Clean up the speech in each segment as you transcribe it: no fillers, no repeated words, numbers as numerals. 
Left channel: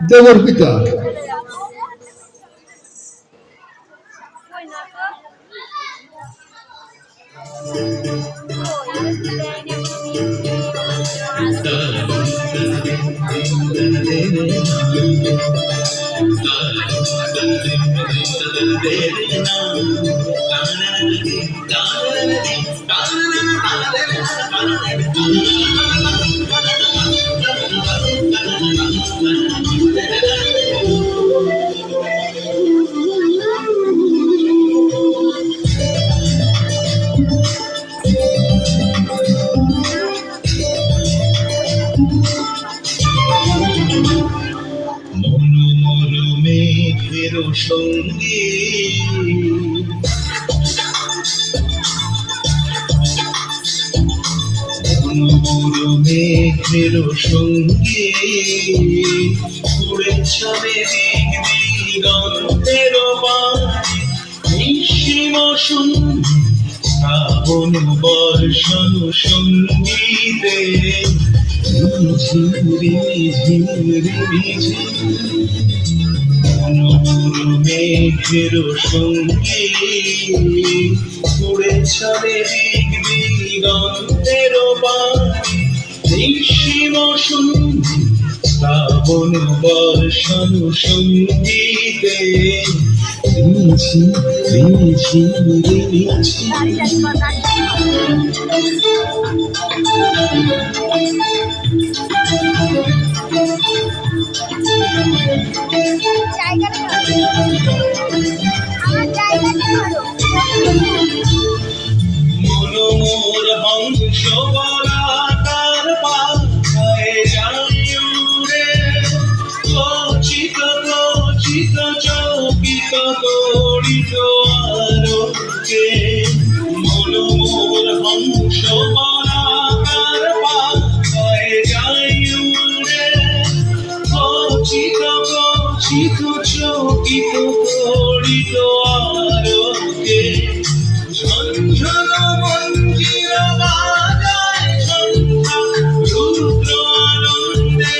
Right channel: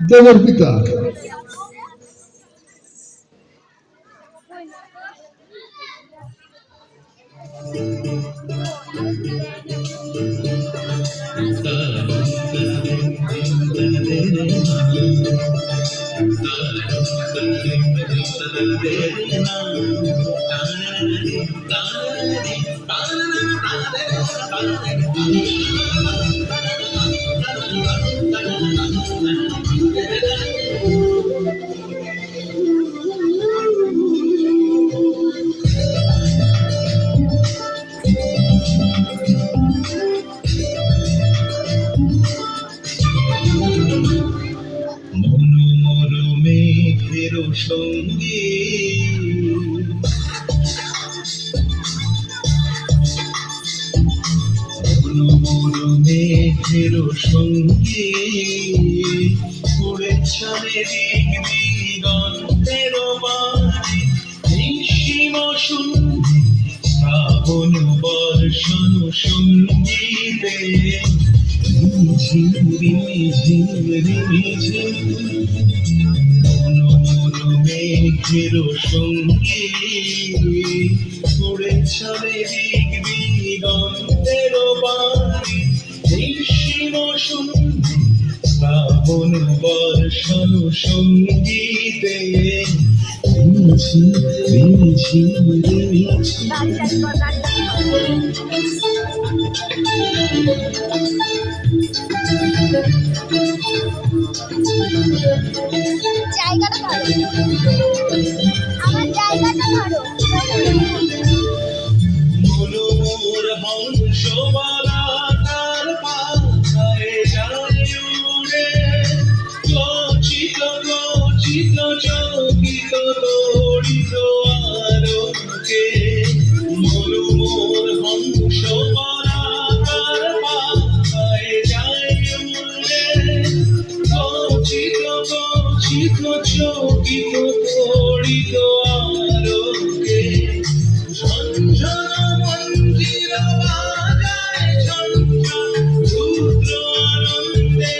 দেবর পিতা সঙ্গী মেঘের সঙ্গী উড়ে চলে দিক দিগন্তের বাড়ি নিঃসীম সঙ্গী শ্রাবণ বর্ষণ সঙ্গীতে ঝিরি ঝিরি ঝিরি মেঘের সঙ্গী উড়ে চলে দিক দিগন্তের বাড়ি নিঃসীম সঙ্গী শ্রাবণ বর্ষণ সঙ্গীতে রিঝি রিঝি রিঝি চকিত তড়িত আলোকে ঝঞ্ঝন মঞ্জির বাজায় ঝঞ্ঝা রুদ্র আনন্দে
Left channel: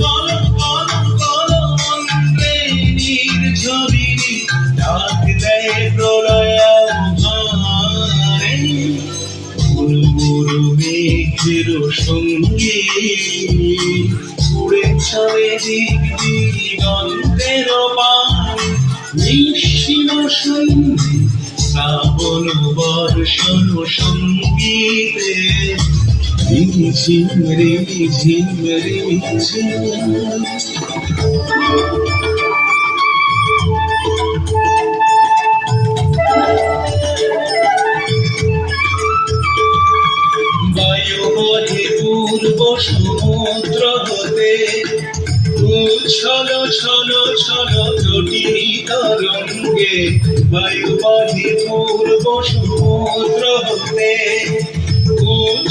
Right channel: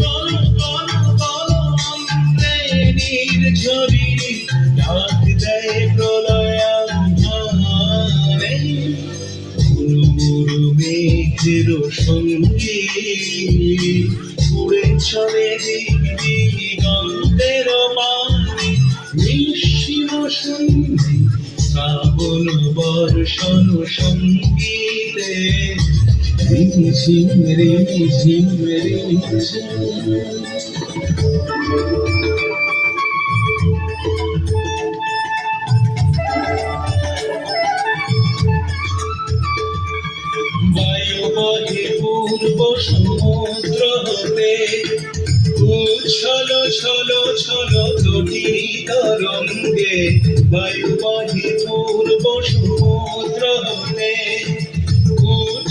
কল কল কল মন্ত্রে নির্ঝরিণী ডাক দেয় প্রলয়াভারে মুরু মুরু মেঘের সঙ্গী উড়ে চলে দিক দিগন্তের বাড়ি নিঃসীম সঙ্গী শ্রাবণ বর্ষণ সঙ্গীতে রিঝিম রিঝিম রিঝিম বায়ু বহে পূর্ব সমুদ্র হতে ছলো ছলো ছলো জটিল তরঙ্গে বায়ু বহে পূর্ব সমুদ্র হতে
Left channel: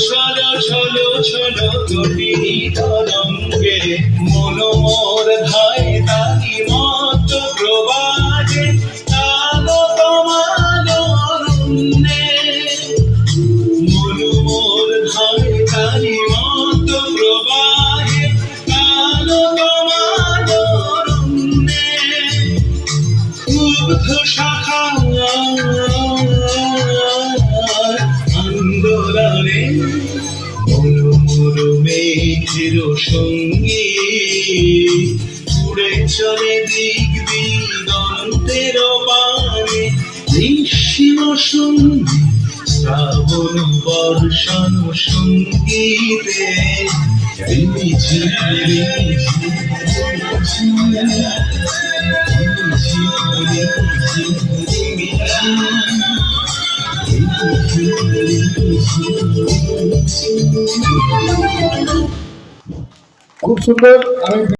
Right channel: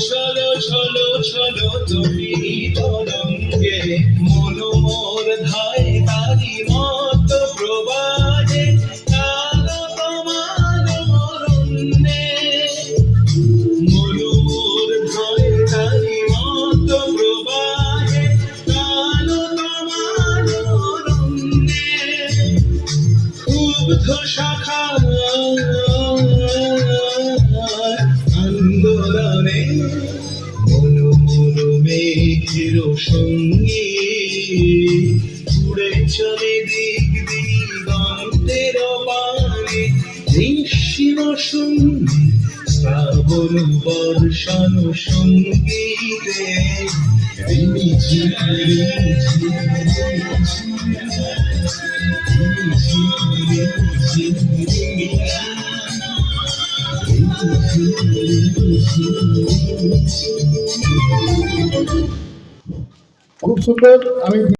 ছলো ছলো ছলো জটিল তরঙ্গে মনোমর ধায় তারি মত প্রবাহে আলো তোমালো অরণ্যে মনোমর ধায় তারি মত প্রবাহে আলো তোমালো অরণ্যে ক্ষুব্ধ শাখা আন্দোলনে মুরু মুরু মেঘের সঙ্গী উড়ে চলে দিক দিগন্তের বাড়ি নিঃসীম সঙ্গী শ্রাবণ বর্ষণ সঙ্গীতে রিঝি রিঝি খুব সুন্দর। আমি